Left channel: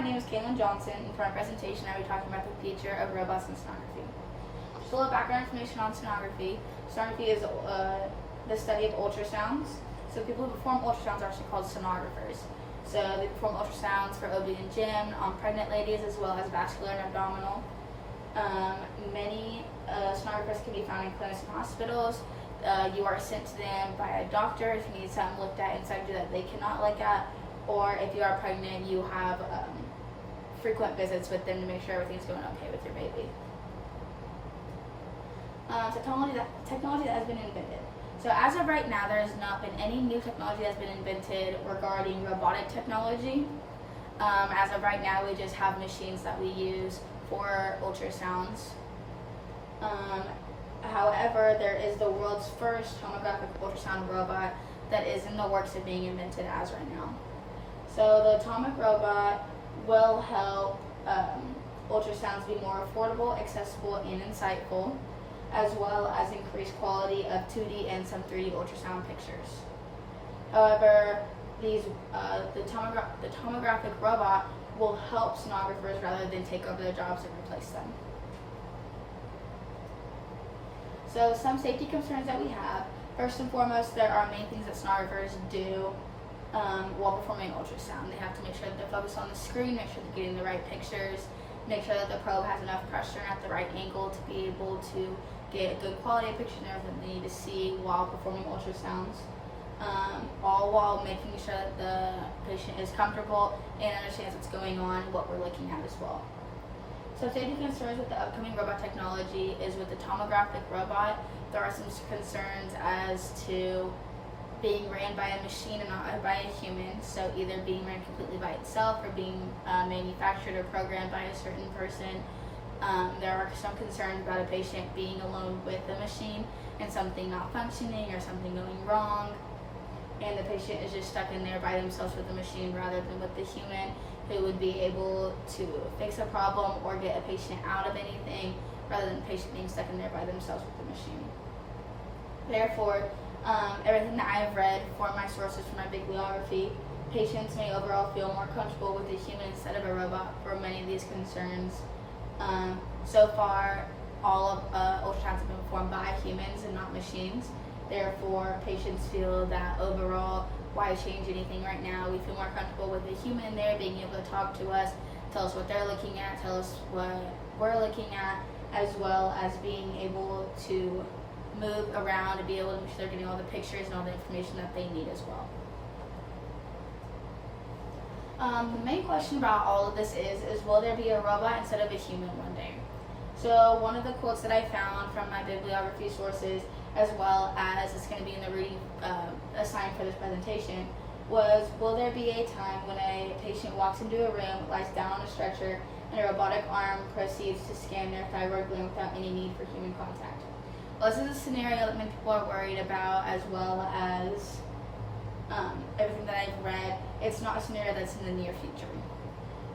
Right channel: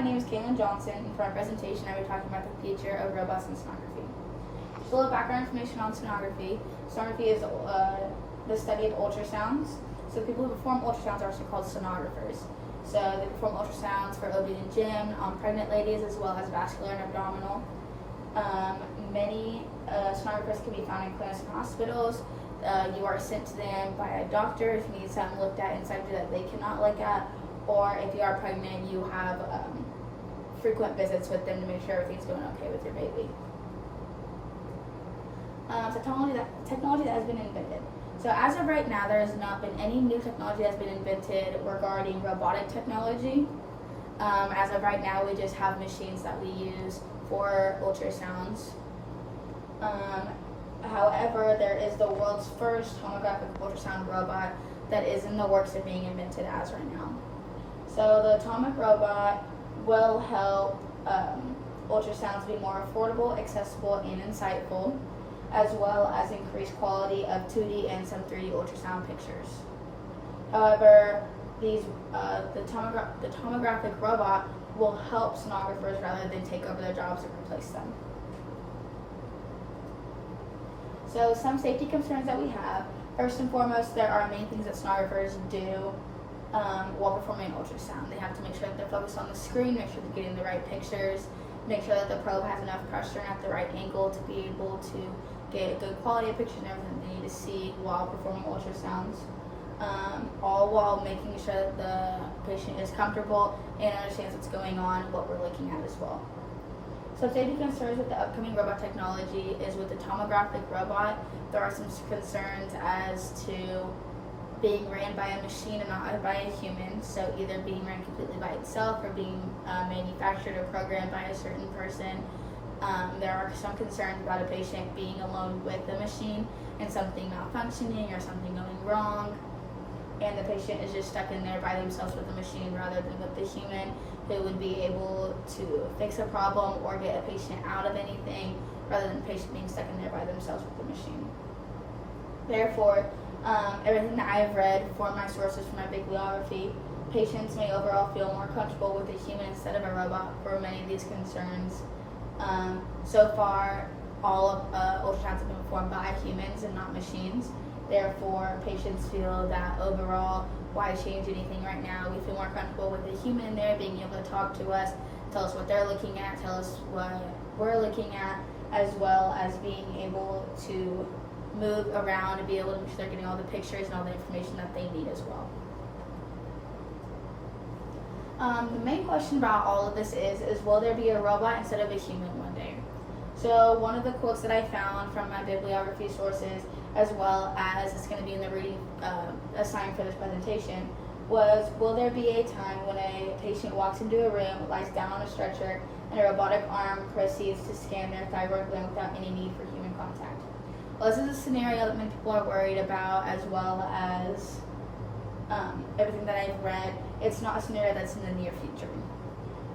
my name is Kaelyn Johnson, and for my presentation I will be talking about the future of robots in sonography. Just a little background information on sonography. Sonography is the study of ultrasounds. So people who perform ultrasounds are actually called sonographers. So they perform ultrasounds for OB and GYN on pregnant ladies as well as vascular and abdominal. Many sonographers can be found in clinics and hospitals. You are sent to them by a doctor if you need something looked at inside you that they cannot look at, or if you are pregnant, you have frequent visits with them to make sure everything's going okay with your baby. Technology that has been invented. So as of right now, there has not been any new technology that's been invented regarding robotic technology. As of right now, we just have machines that we use for ultrasounds. However, there is the world's first tomographic ultrasound robot that is in the works of being invented as right now. So the atomic robot will help ultrasounds be more affordable, accessible, and insightful, as well as increase quality of 2D and some 3D ultrasound pictures. However, the tomographic robot will help sonographers rather than take over their jobs and replace them. So some safety concerns that we have. First and foremost, there are main things that sonographers do while performing ultrasound. They have to make sure that they're focused on the screen, make sure they're getting the right pictures, make sure that the probe has enough pressure and at the right angle to be able to get a good quality of picture and everything they need to see while performing ultrasounds. All while making sure that the patient is comfortable and understands what's going on, what we're looking at as well. So safety concerns with the upcoming robot technology is with the tomographic robot, there are some concerns as to being ran by a machine and not by a human, so either being ran completely by itself or being manufactured or programmed by a certain person. There are some concerns about a patient being alone with the machine and something not functioning or something going wrong, and the patient is just stuck in there by themselves with the machine rather than with the human who would be able to fix a problem or get a patient out of anything rather than the patient being stuck in there by themselves with the machine. Therefore, everything that I've read for my sources for my bibliography, patients may overall feel more comfortable with a human instead of a robot for many of these concerns. So far, all of ultrasounds have been performed by humans and not machines. Therefore, patients feel that overall, why change anything right now? We feel more comfortable with the human there being able to talk to us, tell us what they're looking at, tell us what we're looking at, as well as being able to move around and be able to make sure they're getting all the pictures and all the information that they need as well. The main question about all of this is will there be a robot instead of a human one day? So one of the quotes that I found from my bibliography sources, as well as it's going to be in the reading assigned for this presentation, was, will there be a time when a patient walks into a room, lies down on a stretcher, and a robotic arm proceeds to scan their thyroid gland without any need for human contact? Well, this is a scenario that many people are worried about, as well as everything that I've read. It's not a scenario that's in the near future.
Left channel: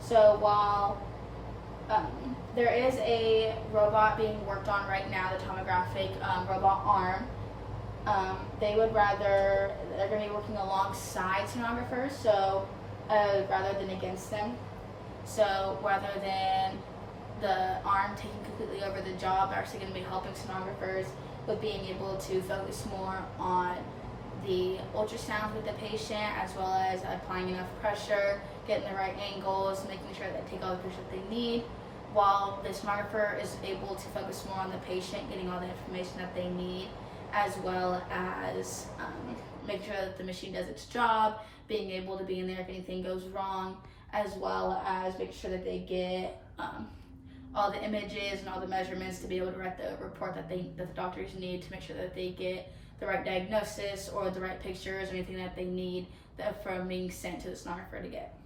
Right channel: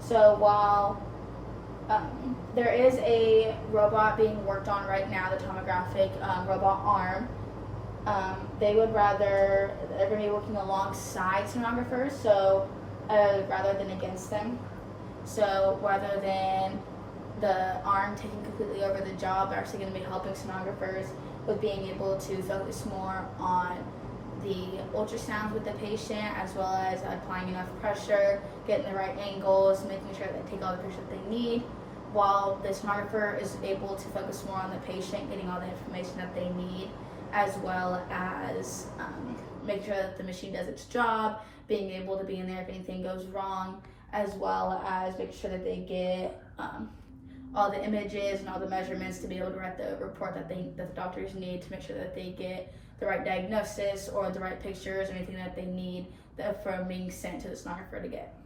So while there is a robot being worked on right now, the tomographic robot arm, they're going to be working alongside sonographers, so rather than against them. So rather than the arm taking completely over the job, they're actually going to be helping sonographers with being able to focus more on the ultrasound with the patient, as well as applying enough pressure, getting the right angles, making sure that they take all the pictures that they need, while the sonographer is able to focus more on the patient, getting all the information that they need, as well as make sure that the machine does its job, being able to be in there if anything goes wrong, as well as make sure that they get all the images and all the measurements to be able to write the report that the doctors need to make sure that they get the right diagnosis or the right pictures or anything that they need from being sent to the sonographer to get.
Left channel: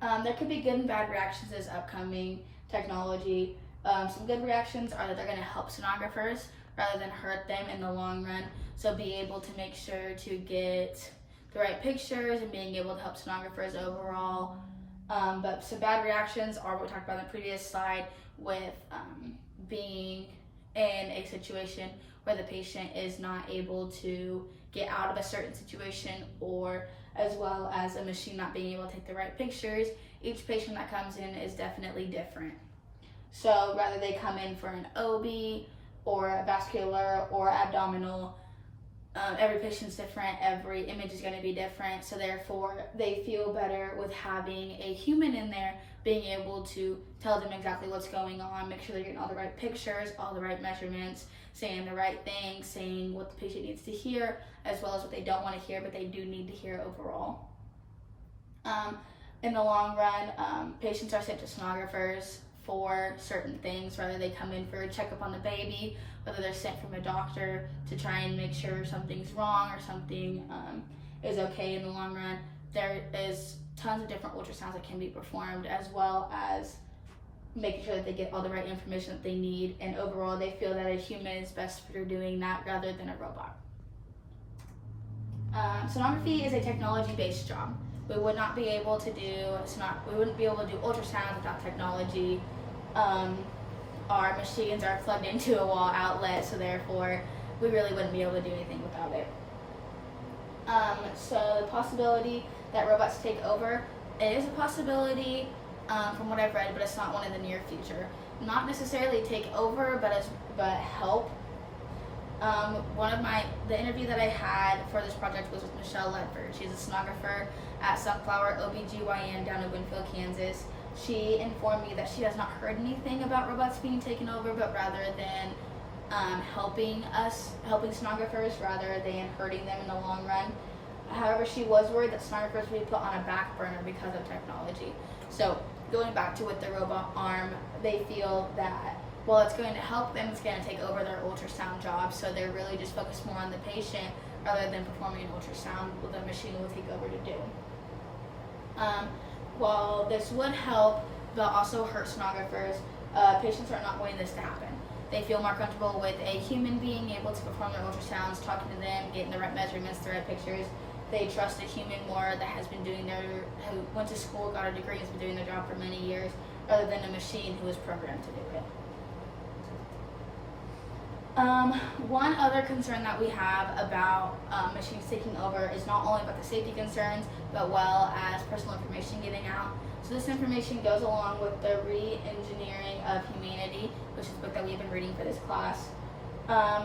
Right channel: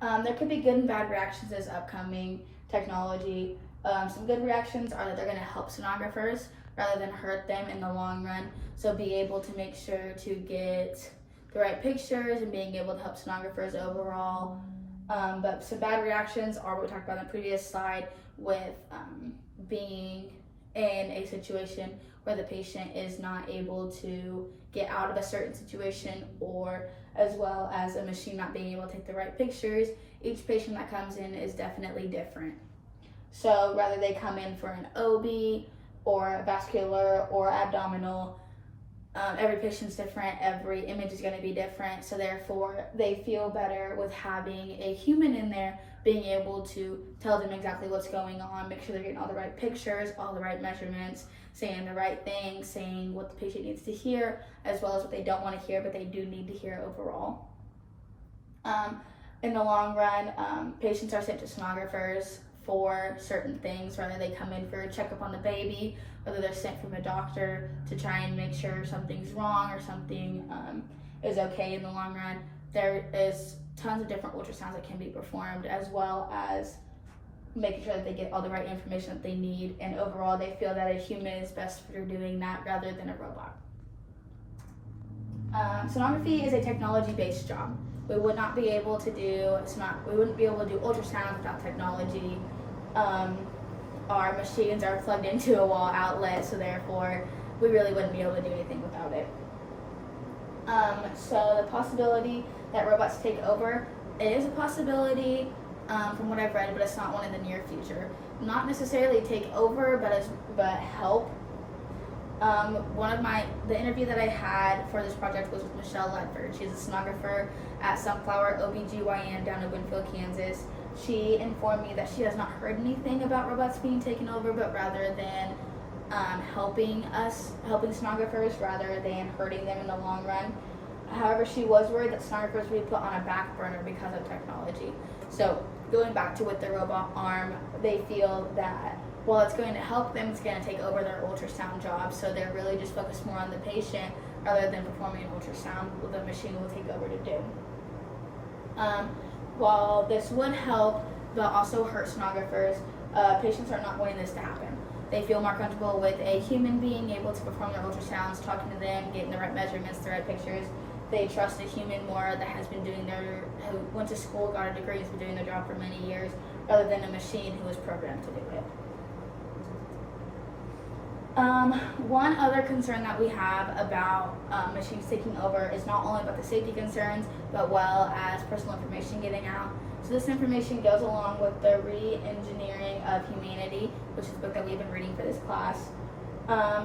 There could be good and bad reactions to this upcoming technology. Some good reactions are that they're going to help sonographers rather than hurt them in the long run. So be able to make sure to get the right pictures and being able to help sonographers overall. But some bad reactions are what we talked about in the previous slide with being in a situation where the patient is not able to get out of a certain situation, or as well as a machine not being able to take the right pictures. Each patient that comes in is definitely different. So whether they come in for an OB or a vascular or abdominal, every patient's different, every image is going to be different, so therefore they feel better with having a human in there being able to tell them exactly what's going on, make sure they're getting all the right pictures, all the right measurements, saying the right things, saying what the patient needs to hear, as well as what they don't want to hear but they do need to hear overall. In the long run, patients are sent to sonographers for certain things, whether they come in for a checkup on the baby, whether they're sent from a doctor to try and make sure something's wrong or something is okay in the long run. There is tons of different ultrasounds that can be performed, as well as making sure that they get all the right information that they need, and overall they feel that a human is best for doing that rather than a robot. Sonography is a technology-based job. We would not be able to do ultrasound without technology. Our machines are plugged into a wall outlet, so therefore we really wouldn't be able to do anything without it. So the possibility that robots take over, it is a possibility from what I've read, but it's not one in the near future. Not necessarily take over, but help. The interview that I had for this project was with Michelle Ledford. She's a sonographer at Sunflower OBGYN down in Winfield, Kansas. She informed me that she has not heard anything about robots being taken over, but rather than helping sonographers rather than hurting them in the long run. However, she was worried that sonographers would be put on a back burner because of technology. So going back to with the robot arm, they feel that while it's going to help them, it's going to take over their ultrasound job. So they're really just focused more on the patient rather than performing an ultrasound, what the machine will take over to do. While this would help, but also hurt sonographers, patients are not wanting this to happen. They feel more comfortable with a human being able to perform their ultrasounds, talking to them, getting the right measurements, the right pictures. They trust a human more that has been who went to school, got a degree, has been doing their job for many years, rather than a machine who was programmed to do it. One other concern that we have about machines taking over is not only about the safety concerns, but well as personal information getting out. So this information goes along with the Re-Engineering of Humanity, which is a book that we've been reading for this class.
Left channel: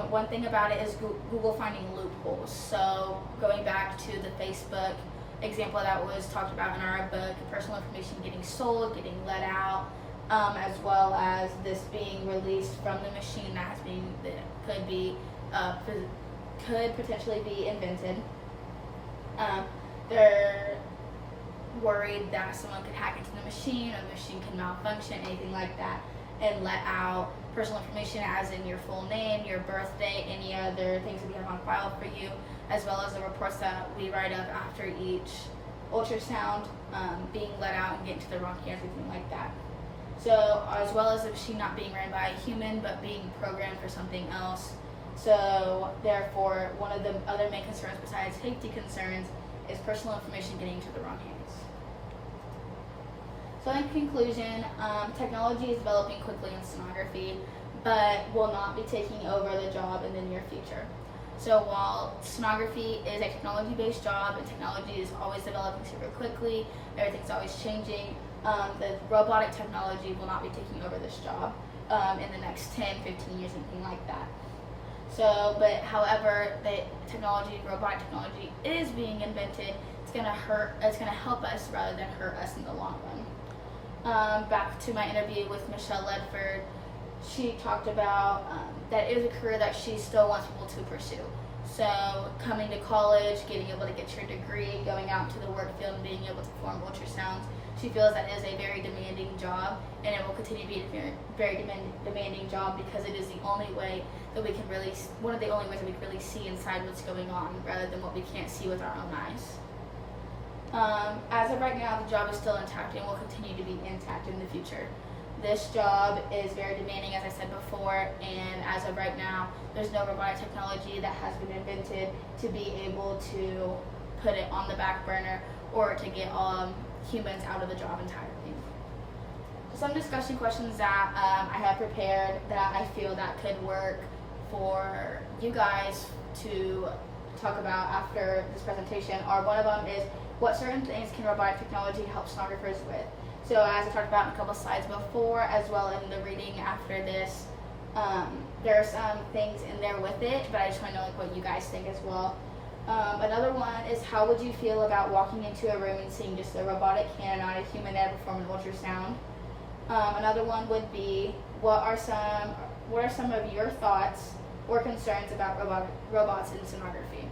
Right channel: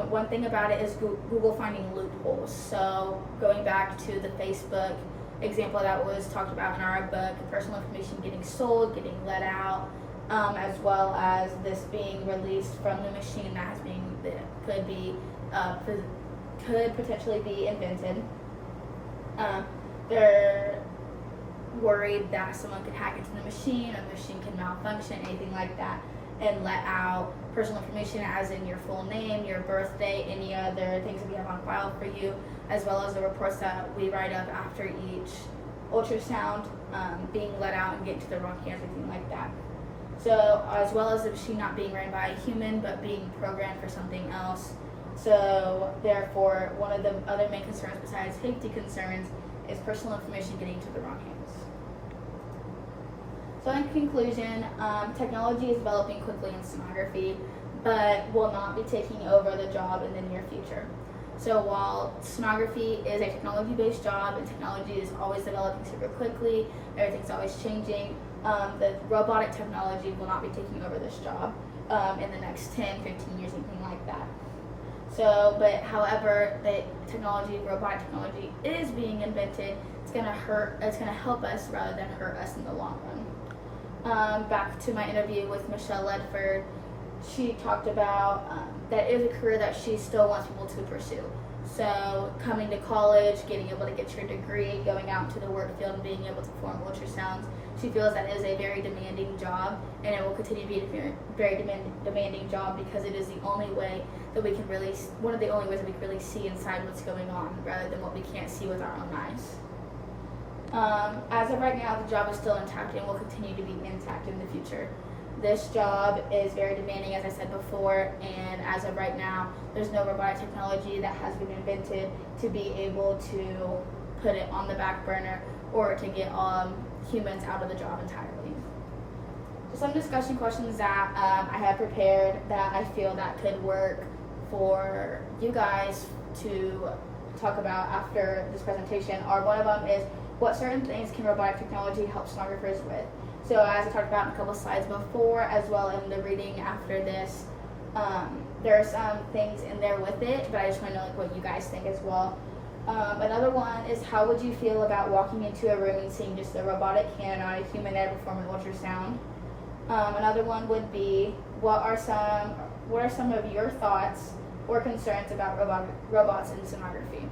One thing about it is Google finding loopholes. So going back to the Facebook example that was talked about in our book, personal information getting sold, getting let out, as well as this being released from the machine that could potentially be invented. They're worried that someone could hack into the machine, or the machine can malfunction, anything like that, and let out personal information as in your full name, your birthday, any other things that we have on file for you, as well as the reports that we write up after each ultrasound being let out and get into the wrong hands, anything like that. So as well as the machine not being ran by a human but being programmed for something else. So therefore, one of the other main concerns besides safety concerns is personal information getting into the wrong hands. So in conclusion, technology is developing quickly in sonography, but will not be taking over the job in the near future. So while sonography is a technology-based job and technology is always developing super quickly, everything's always changing, the robotic technology will not be taking over this job in the next 10, 15 years, anything like that. So, but however, robotic technology is being invented, it's gonna help us rather than hurt us in the long run. Back to my interview with Michelle Ledford, she talked about that it is a career that she still wants people to pursue. So coming to college, getting able to get your degree, going out to the work field and being able to perform ultrasounds, she feels that is a very demanding job, and it will continue to be a very demanding job because it is the only way that we can one of the only ways that we can really see inside what's going on rather than what we can't see with our own eyes. As of right now, the job is still intact and will continue to be intact in the future. This job is very demanding, as I said before, and as of right now, there's no robotic technology that has been invented to be able to put it on the back burner or to get humans out of the job entirely. So some discussion questions that I have prepared that I feel that could work for you guys to talk about after this presentation are, one of them is, what certain things can robotic technology help sonographers with? So as I talked about in a couple slides before, as well in the reading after this, there are some things in there with it, but I just want to know like what you guys think as well. Another one is, how would you feel about walking into a room and seeing just a robotic hand and not a human there performing ultrasound? Another one would be, what are some of your thoughts or concerns about robots in sonography?